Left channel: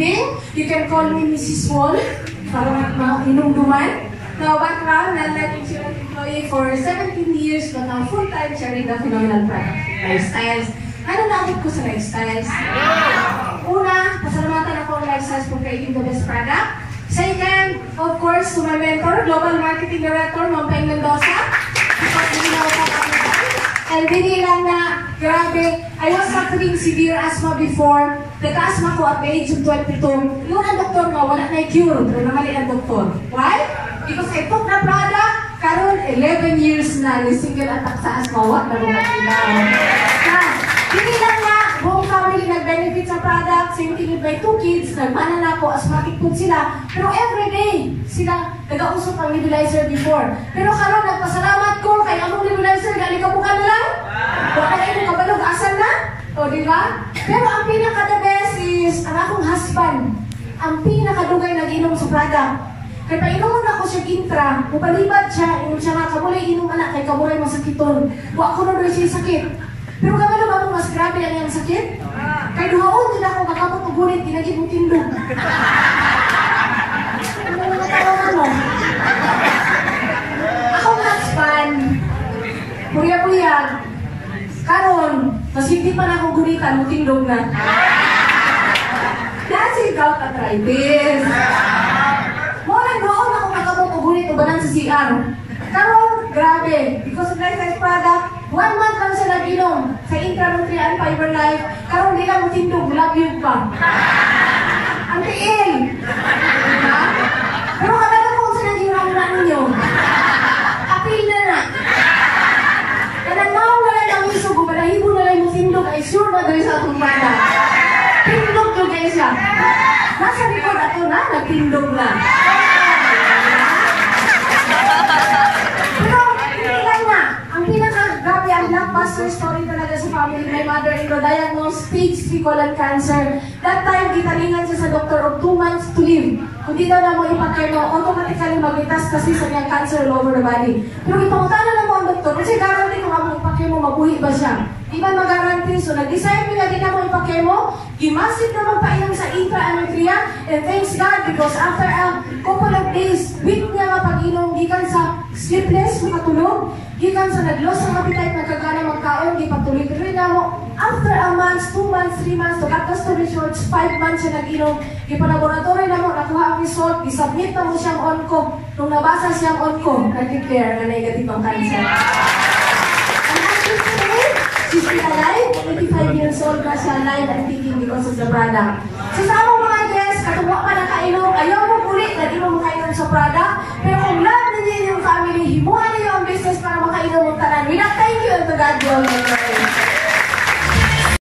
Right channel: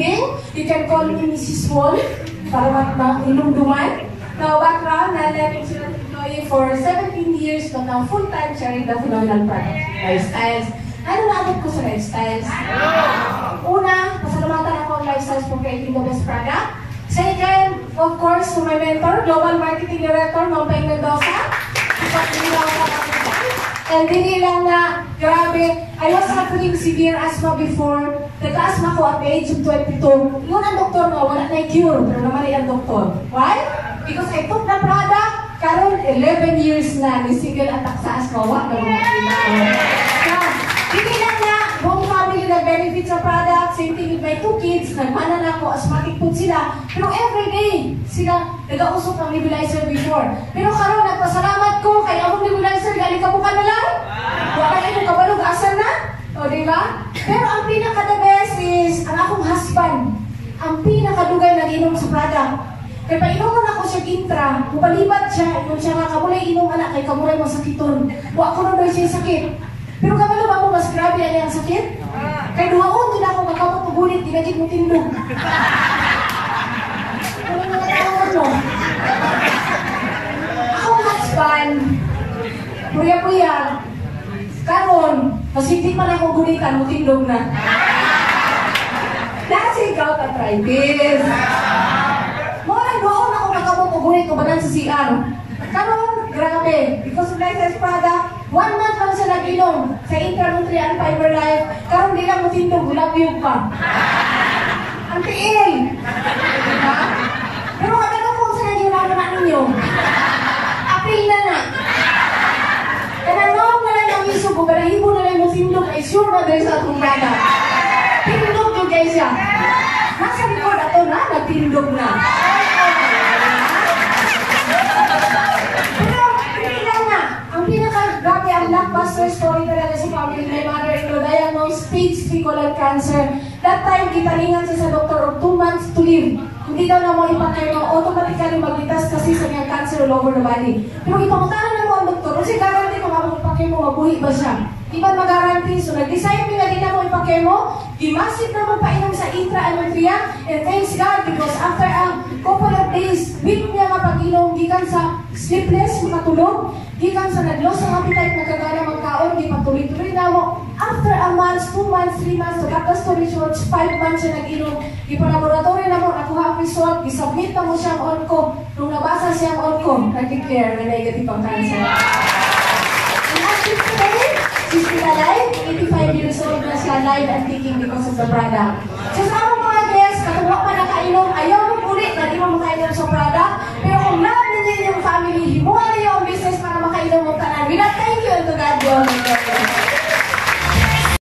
breathing. You can call me Mrs. Wall para mainumduman. Now, background, na-life insurance employee for 17 years, but now full-time siya rin na phenomenal products lifestyles. Ano naabot ko sa lifestyles? Una, pasalamatan ako ang lifestyles for creating the best product. Second, of course, to my mentor, Global Marketing Director, Ma'am Peng Mendoza. And hindi lang na, grabe, I was suffering severe asthma before. Nagka-asthma ko at the age of 22. Yun ang doktor mo, wala na cure, pero namali ang doktor. Why? Because I took the product, karon 11 years na ni single attack sa asthma, wala na mga ilaw. Hindi lang nga, buong family nag-benefit sa product, same thing with my 2 kids, nagmanan ako, asthmatic po sila. Pero everyday, sila nag-ausok ang nebulizer before. Pero karon nagpasalamat ko, kay among nebulizer, gali ka bukan na lang. Wala kayo kabalog, asan na? O, di ba? Pero ang pinaka-the best is, ang akong husband, ang pinakadugay nag-inom sa product. Kaya painuman ako siya gintra, mupalibad siya, yung siya nga, kamulay inom anak, kay kamulay masakiton. Wa ako na doon siya sakit. Pero kamalo ba mo mas grabe ang yung sakit? Kaya duhaon din ako kakapot o gulit, dinagin mo tindog. Wala mga tawagan mo. Akong husband, puya-puya, karon, masipit pa na akong gulitan, mo tindog na. Dahil ikaw ka-try-this. Muna doon ako kakapot o gulit o banan sa CR. Karon, grabe, because of lifestyle product, 1 month lang siya nag-ilong sa Intra-Nutrient Fiber Life. Karon di lang matindog, labyog pa. Ang tiil. Diba? Pero kapag ako sa naging na ninyo, apil na na. Kananaw na lang ang isog, o balahibo na lang yung tindog, ay sure na dahil sa atong bada. Tindog to guys siya. Nasa likod ato na, nagtindog na. Grabe ang blockbuster story talaga sa family. My mother-in-law diagnosed stage 3 colon cancer. That time, gitaringan siya sa doktor of 2 months to live. Kung di daw na mo ipakemo, automatically maglitas kasi sa niya cancer all over the body. Pero ipangutanan na mo ang doktor, kasi guarantee kung ako ipakemo, mabuhi ba siya? Di ba mag-guarantee? So, nag-decide nila din na mo ipakemo, di-massive na magpainom sa Intra-Nutrient, and thanks God, because after a couple of days, week niya nga pag-inom, gikan sa sleepless, makatulog, gikan sa nag-loss ang appetite, nagkagana magkaon, di patuloy-tuloy na mo. After a month, 2 months, 3 months, to cut the story short, 5 months siya nag-inom, ipalaboratory na mo, nakuha ang result, isubmit na mo siyang on-co. Nung nabasa siyang on-co, nag-declare na negative ang cancer. And actually today, she's still alive, 85 years old na siya, alive and kicking because of the product. So sa among mga guests, katuwa pa na kainom, ayaw mo ulit, na di mo